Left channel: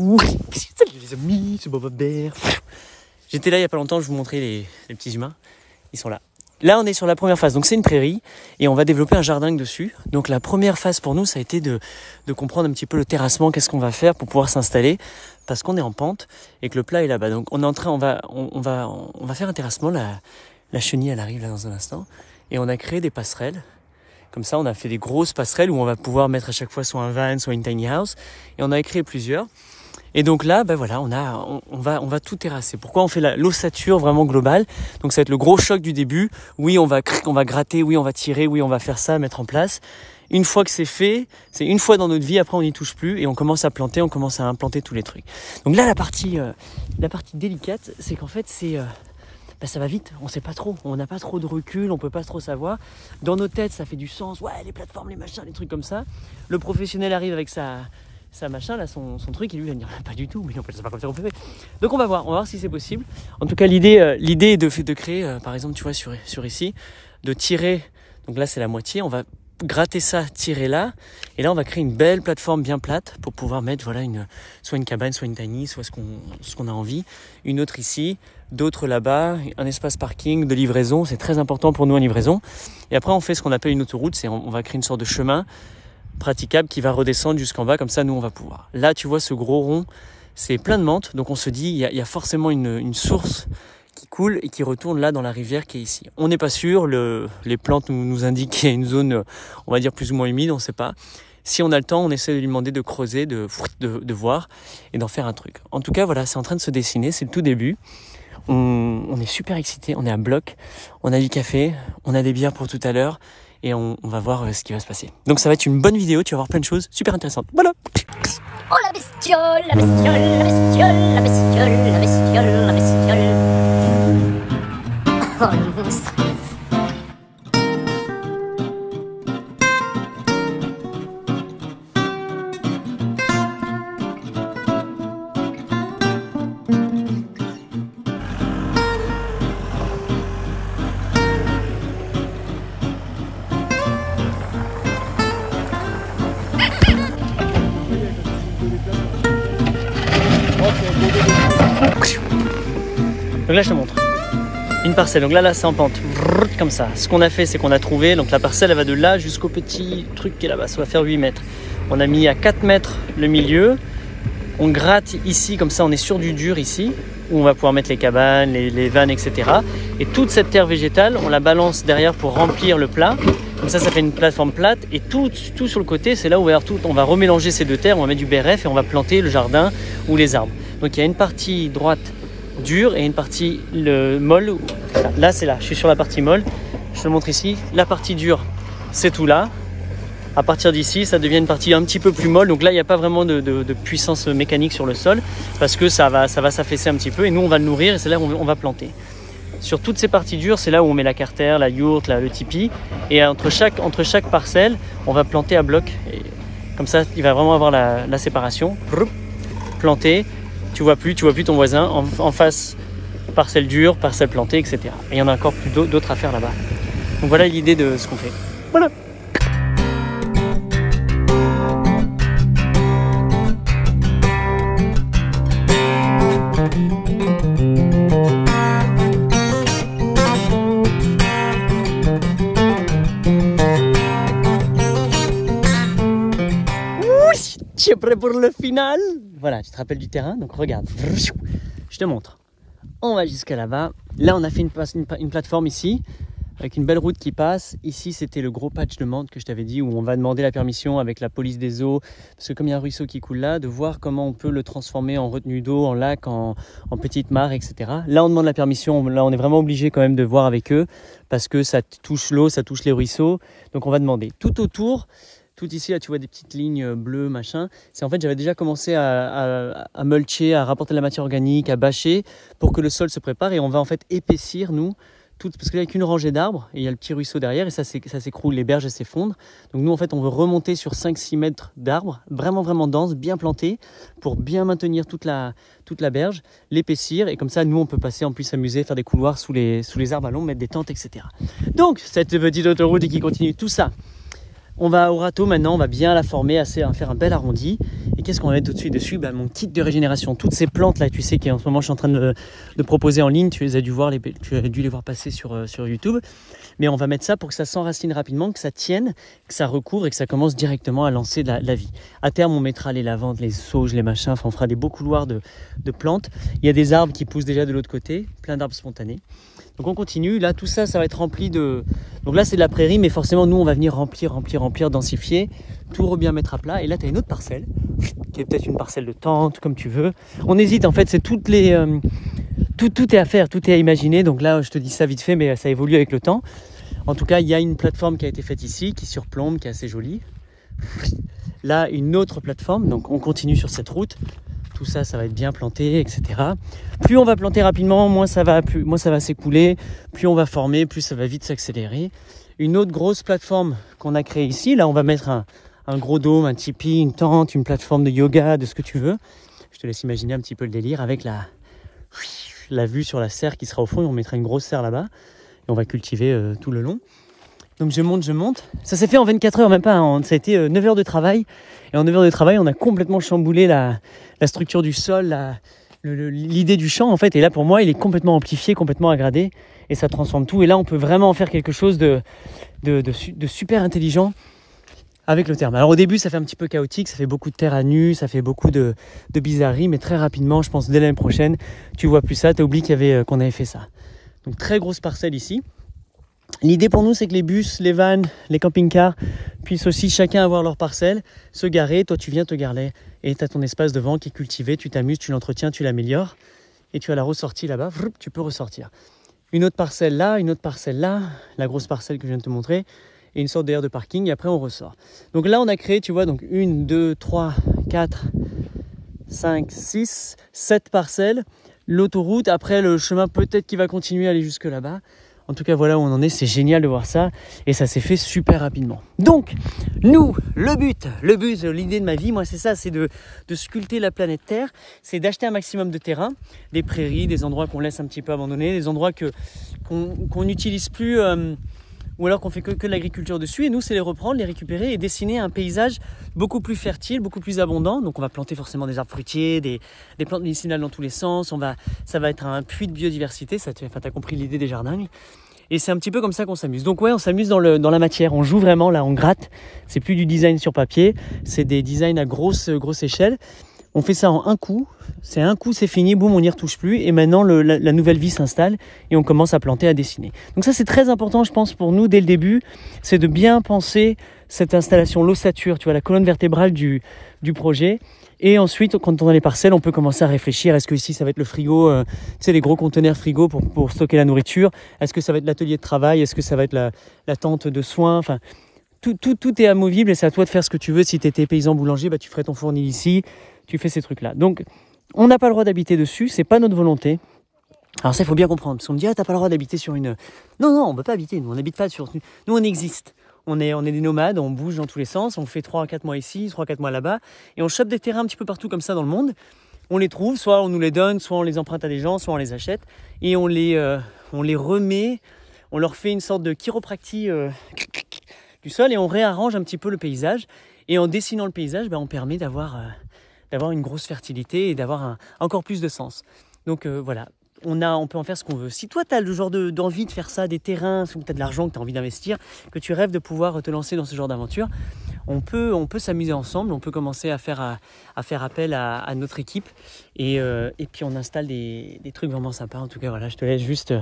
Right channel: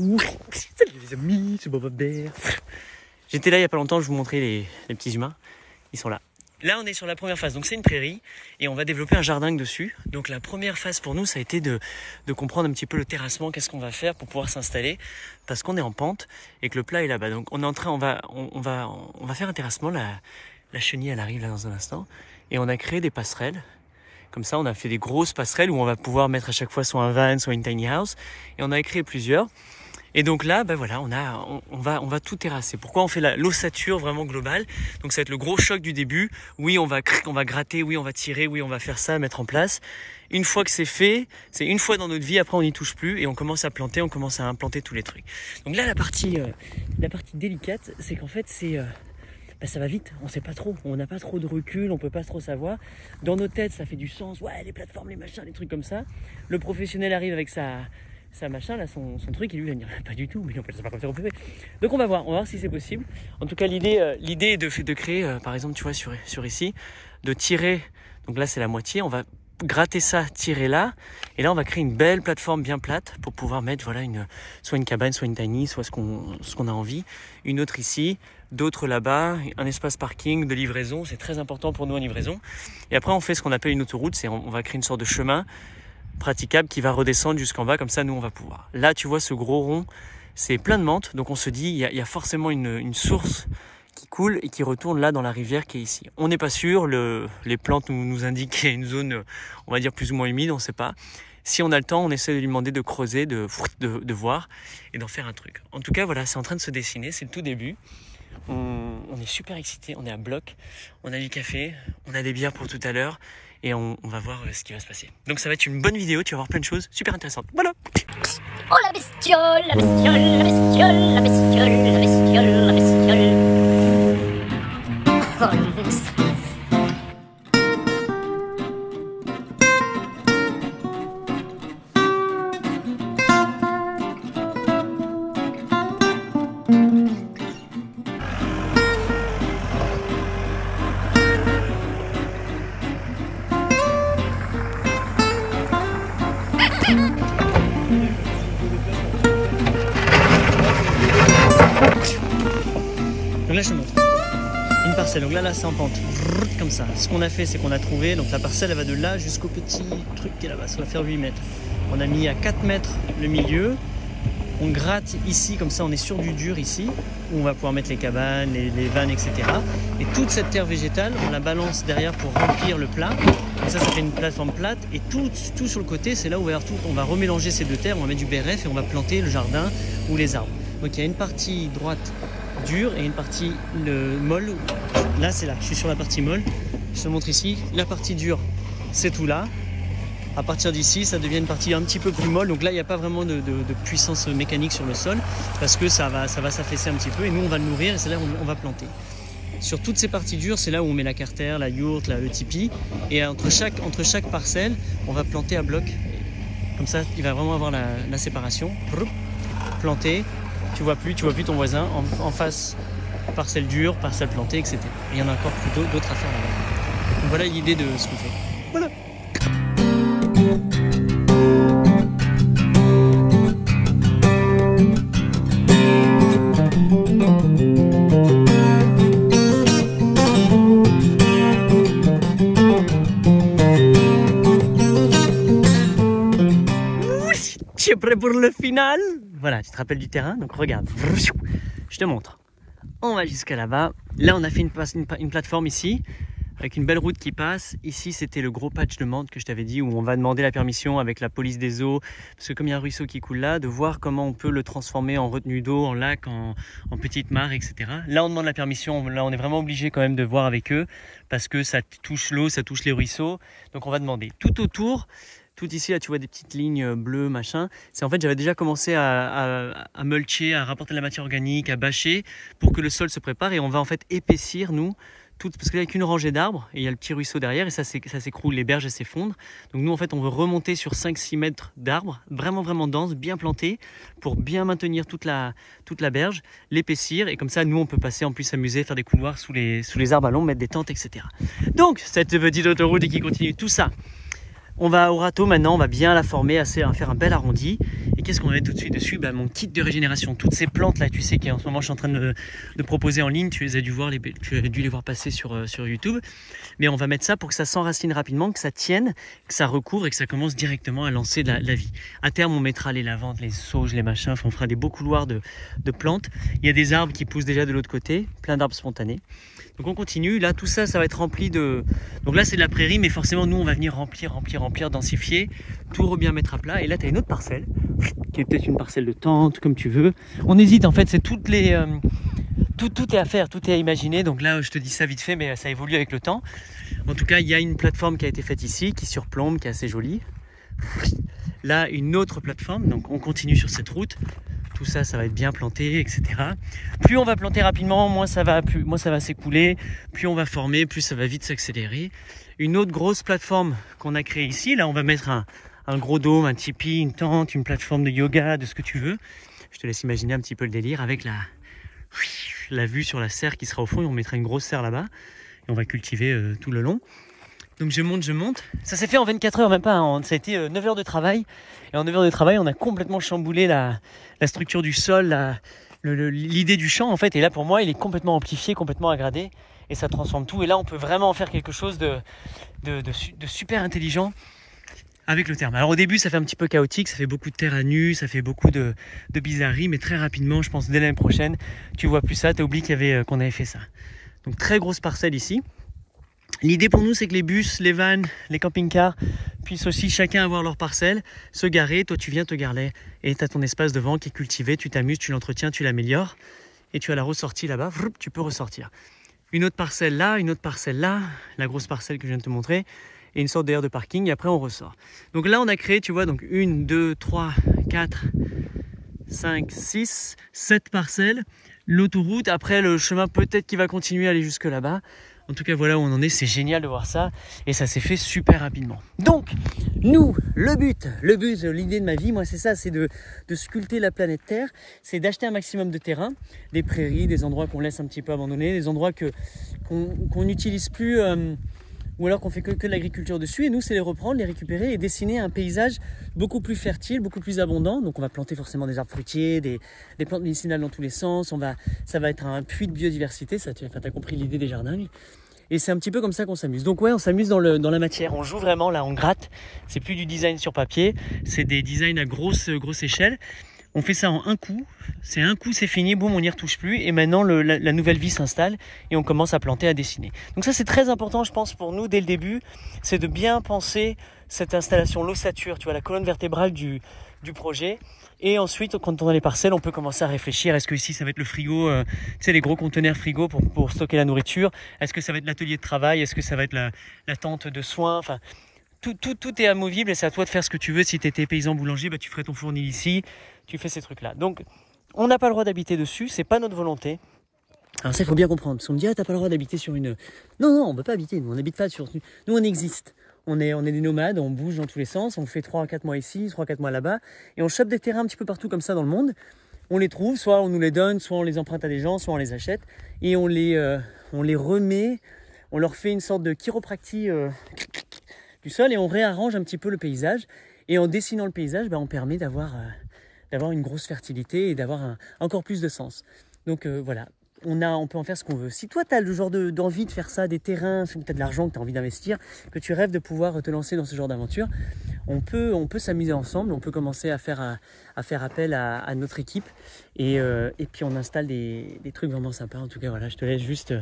Oui, salut les amis, c'est Boba Bear. J'étais là il n'y a pas longtemps, je vous montrais les petits humains. Ils sont là. Là, on est sur la première phase. Donc, c'est une prairie et on va développer un jardin dessus. Donc, la première phase pour nous, ça a été de comprendre un petit peu le terrassement. Qu'est-ce qu'on va faire pour pouvoir s'installer parce qu'on est en pente et que le plat est là-bas. Donc, on est en train, on va faire un terrassement. La chenille, elle arrive là dans un instant. Et on a créé des passerelles. Comme ça, on a fait des grosses passerelles où on va pouvoir mettre à chaque fois soit un van, soit une tiny house. Et on a créé plusieurs. Et donc là, ben voilà, on va tout terrasser. Pourquoi on fait l'ossature vraiment globale? Donc ça va être le gros choc du début. Oui, on va gratter, oui, on va tirer, oui, on va faire ça, mettre en place. Une fois que c'est fait, c'est une fois dans notre vie, après on n'y touche plus et on commence à planter, on commence à implanter tous les trucs. Donc là, la partie délicate, c'est qu'en fait, ça va vite, on sait pas trop, on n'a pas trop de recul, on peut pas trop savoir. Dans nos têtes, ça fait du sens, ouais, les plateformes, les machins, les trucs comme ça. Le professionnel arrive avec sa machin, là, son truc, et lui, il va dire, pas du tout, mais en fait, c'est pas comme ça qu'on fait. Donc, on va voir si c'est possible. En tout cas, l'idée est de créer, par exemple, tu vois, sur ici, de tirer, donc là, c'est la moitié, on va gratter ça, tirer là, et là, on va créer une belle plateforme bien plate pour pouvoir mettre, voilà, soit une cabane, soit une tiny, soit ce qu'on a envie. Une autre ici, d'autres là-bas, un espace parking, de livraison, c'est très important pour nous en livraison. Et après, on fait ce qu'on appelle une autoroute, c'est on va créer une sorte de chemin praticable qui va redescendre jusqu'en bas, comme ça nous on va pouvoir. Là tu vois ce gros rond, c'est plein de menthe, donc on se dit il y a forcément une source qui coule et qui retourne là dans la rivière qui est ici. On n'est pas sûr, les plantes nous indiquent qu'il y a une zone, on va dire plus ou moins humide, on ne sait pas. Si on a le temps, on essaie de lui demander de creuser, de voir et d'en faire un truc. En tout cas voilà, c'est en train de se dessiner, c'est le tout début. On est super excités, on est à bloc, on a du café, on a des bières pour tout à l'heure. Et on va voir ce qui va se passer. Donc ça va être une bonne vidéo, tu vas voir plein de choses super intéressantes. Voilà. Oh la bestiole, la bestiole, la bestiole, la bestiole, la bestiole, la bestiole. Oh le monstre. Donc là je te montre une parcelle, donc là c'est en pente, comme ça. Ce qu'on a fait, c'est qu'on a trouvé, donc la parcelle elle va de là jusqu'au petit truc qui est là-bas, ça va faire 8 mètres. On a mis à 4 mètres le milieu, on gratte ici, comme ça on est sur du dur ici, où on va pouvoir mettre les cabanes, les vannes, etc. Et toute cette terre végétale, on la balance derrière pour remplir le plat. Comme ça fait une plateforme plate et tout sur le côté, c'est là où on va remélanger ces deux terres, on va mettre du BRF et on va planter le jardin ou les arbres. Donc il y a une partie droite dure et une partie molle. Là c'est là, je suis sur la partie molle, je te montre ici. La partie dure c'est tout là. À partir d'ici ça devient une partie un petit peu plus molle, donc là il n'y a pas vraiment de puissance mécanique sur le sol parce que ça va s'affaisser un petit peu et nous on va le nourrir et c'est là où on va planter. Sur toutes ces parties dures, c'est là où on met la carter, la yourte, le tipi, et entre chaque parcelle on va planter à bloc. Et comme ça il va vraiment avoir la séparation. Planter. Tu vois plus ton voisin en face, parcelle dure, parcelle plantée, etc. Et il y en a encore plus d'autres à faire là-bas. Donc voilà l'idée de ce qu'on fait. Voilà. Tu es prêt pour le final? Voilà, tu te rappelles du terrain, donc regarde, je te montre. On va jusqu'à là-bas. Là, on a fait une plateforme ici, avec une belle route qui passe. Ici, c'était le gros patch de menthe que je t'avais dit, où on va demander la permission avec la police des eaux, parce que comme il y a un ruisseau qui coule là, de voir comment on peut le transformer en retenue d'eau, en lac, en petite mare, etc. Là, on demande la permission. Là, on est vraiment obligé quand même de voir avec eux, parce que ça touche l'eau, ça touche les ruisseaux. Donc, on va demander. Tout autour, tout ici, là, tu vois des petites lignes bleues, machin. C'est en fait, j'avais déjà commencé à mulcher, à rapporter de la matière organique, à bâcher pour que le sol se prépare. Et on va en fait épaissir, nous, parce qu'il n'y a qu'une rangée d'arbres et il y a le petit ruisseau derrière et ça s'écroule, les berges s'effondrent. Donc nous, en fait, on veut remonter sur 5-6 mètres d'arbres, vraiment denses, bien plantés, pour bien maintenir toute la berge, l'épaissir. Et comme ça, nous, on peut passer, en plus s'amuser, faire des couloirs sous les arbres à long, mettre des tentes, etc. Donc, cette petite autoroute qui continue, tout ça. On va au râteau maintenant, on va bien la former, à faire un bel arrondi. Et qu'est-ce qu'on va mettre tout de suite dessus? Bah, mon kit de régénération, toutes ces plantes là, tu sais, qui en ce moment je suis en train de proposer en ligne, tu as dû les voir passer sur YouTube. Mais on va mettre ça pour que ça s'enracine rapidement, que ça tienne, que ça recouvre et que ça commence directement à lancer de la vie. À terme, on mettra les lavandes, les sauges, les machins, enfin on fera des beaux couloirs de plantes. Il y a des arbres qui poussent déjà de l'autre côté, plein d'arbres spontanés. Donc on continue, là tout ça, ça va être rempli de... Donc là c'est de la prairie, mais forcément nous on va venir remplir, densifier, tout bien mettre à plat. Et là tu as une autre parcelle, qui est peut-être une parcelle de tente, comme tu veux. On hésite en fait, c'est toutes les... Tout est à faire, tout est à imaginer. Donc là je te dis ça vite fait, mais ça évolue avec le temps. En tout cas il y a une plateforme qui a été faite ici, qui surplombe, qui est assez jolie. Là une autre plateforme, donc on continue sur cette route. Tout ça, ça va être bien planté, etc. Plus on va planter rapidement, moins ça va s'écouler. Plus on va former, plus ça va vite s'accélérer. Une autre grosse plateforme qu'on a créée ici, là on va mettre un gros dôme, un tipi, une tente, une plateforme de yoga, de ce que tu veux. Je te laisse imaginer un petit peu le délire avec la vue sur la serre qui sera au fond. Et on mettra une grosse serre là-bas et on va cultiver tout le long. Donc je monte. Ça s'est fait en 24 heures, même pas. Hein. Ça a été 9 heures de travail. Et en 9 heures de travail, on a complètement chamboulé la structure du sol, l'idée du champ en fait. Et là pour moi il est complètement amplifié, complètement agradé et ça transforme tout. Et là on peut vraiment en faire quelque chose de super intelligent avec le terme. Alors au début ça fait un petit peu chaotique, ça fait beaucoup de terre à nu, ça fait beaucoup de bizarreries, mais très rapidement, je pense dès l'année prochaine, tu vois plus ça, tu as oublié qu'on avait fait ça. Donc très grosse parcelle ici. L'idée pour nous, c'est que les bus, les vannes, les camping-cars puissent aussi chacun avoir leur parcelle, se garer. Toi, tu viens te garer et tu as ton espace devant qui est cultivé. Tu t'amuses, tu l'entretiens, tu l'améliores. Et tu as la ressortie là-bas, tu peux ressortir. Une autre parcelle là, la grosse parcelle que je viens de te montrer, et une sorte d'aire de parking. Et après, on ressort. Donc là, on a créé, tu vois, donc 1, 2, 3, 4, 5, 6, 7 parcelles. L'autoroute, après le chemin peut-être qui va continuer à aller jusque là-bas. En tout cas, voilà où on en est, c'est génial de voir ça et ça s'est fait super rapidement. Donc, nous, le but, l'idée de ma vie, moi c'est ça, c'est de sculpter la planète Terre, c'est d'acheter un maximum de terrain, des prairies, des endroits qu'on laisse un petit peu abandonnés, des endroits qu'on n'utilise plus ou alors qu'on fait que de l'agriculture dessus. Et nous, c'est les reprendre, les récupérer et dessiner un paysage beaucoup plus fertile, beaucoup plus abondant. Donc on va planter forcément des arbres fruitiers, des plantes médicinales dans tous les sens. Ça va être un puits de biodiversité, t'as compris l'idée des jardins. Et c'est un petit peu comme ça qu'on s'amuse. Donc ouais, on s'amuse dans la matière, on joue vraiment là, on gratte. C'est plus du design sur papier, c'est des designs à grosse échelle. On fait ça en un coup, c'est fini, boum, on n'y retouche plus. Et maintenant, la nouvelle vie s'installe et on commence à planter, à dessiner. Donc ça, c'est très important, je pense, pour nous, dès le début, c'est de bien penser cette installation, l'ossature, tu vois, la colonne vertébrale du projet. Et ensuite, quand on a les parcelles, on peut commencer à réfléchir. Est-ce que ici, ça va être le frigo, tu sais, les gros conteneurs frigo pour stocker la nourriture? Est-ce que ça va être l'atelier de travail? Est-ce que ça va être la tente de soins? Enfin, tout est amovible et c'est à toi de faire ce que tu veux. Si tu étais paysan boulanger, bah, tu ferais ton fournil ici. Tu fais ces trucs-là. Donc, on n'a pas le droit d'habiter dessus. C'est pas notre volonté. Alors ça, il faut bien comprendre. Parce qu'on me dit, ah, t'as pas le droit d'habiter sur une... Non, on ne peut pas habiter. Nous, on n'habite pas sur... Nous, on existe. On est des nomades, on bouge dans tous les sens, on fait 3 à 4 mois ici, 3 à 4 mois là-bas, et on chope des terrains un petit peu partout comme ça dans le monde. On les trouve, soit on nous les donne, soit on les emprunte à des gens, soit on les achète, et on les remet, on leur fait une sorte de chiropractie du sol, et on réarrange un petit peu le paysage. Et en dessinant le paysage, on permet d'avoir une grosse fertilité et d'avoir encore plus de sens. Donc voilà. On peut en faire ce qu'on veut. Si toi, tu as le genre d'envie de faire ça, des terrains, si tu as de l'argent, que tu as envie d'investir, que tu rêves de pouvoir te lancer dans ce genre d'aventure, on peut s'amuser ensemble, on peut commencer à faire appel à notre équipe et puis on installe des trucs vraiment sympas. En tout cas, voilà, je te laisse juste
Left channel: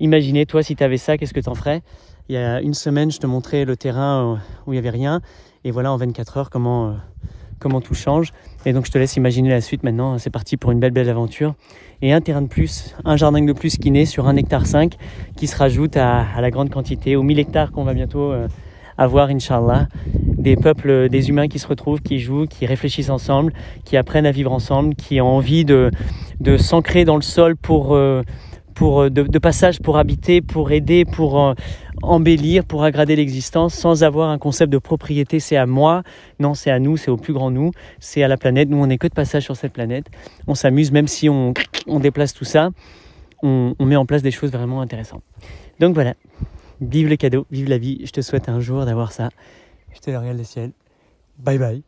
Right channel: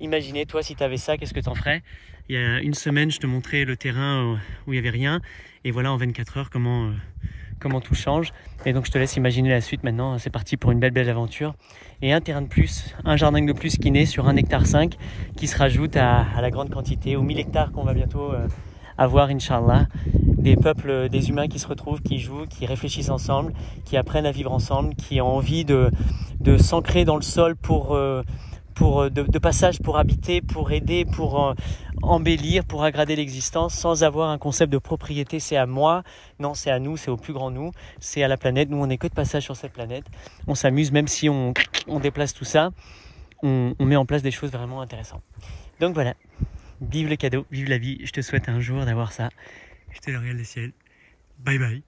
imaginer, toi, si tu avais ça, qu'est-ce que tu en ferais? Il y a une semaine, je te montrais le terrain où il n'y avait rien et voilà, en 24 heures, comment tout change. Et donc, je te laisse imaginer la suite maintenant. C'est parti pour une belle aventure. Et un terrain de plus, un jardin de plus qui naît sur 1,5 hectare qui se rajoute à la grande quantité, aux 1000 hectares qu'on va bientôt avoir, Inch'Allah. Des peuples, des humains qui se retrouvent, qui jouent, qui réfléchissent ensemble, qui apprennent à vivre ensemble, qui ont envie de s'ancrer dans le sol de passage, pour habiter, pour aider, pour embellir, pour aggrader l'existence, sans avoir un concept de propriété, c'est à moi, non, c'est à nous, c'est au plus grand nous, c'est à la planète. Nous, on n'est que de passage sur cette planète. On s'amuse, même si on déplace tout ça, on met en place des choses vraiment intéressantes. Donc voilà, vive le cadeau, vive la vie. Je te souhaite un jour d'avoir ça. Je te le regarde le ciel. Bye bye.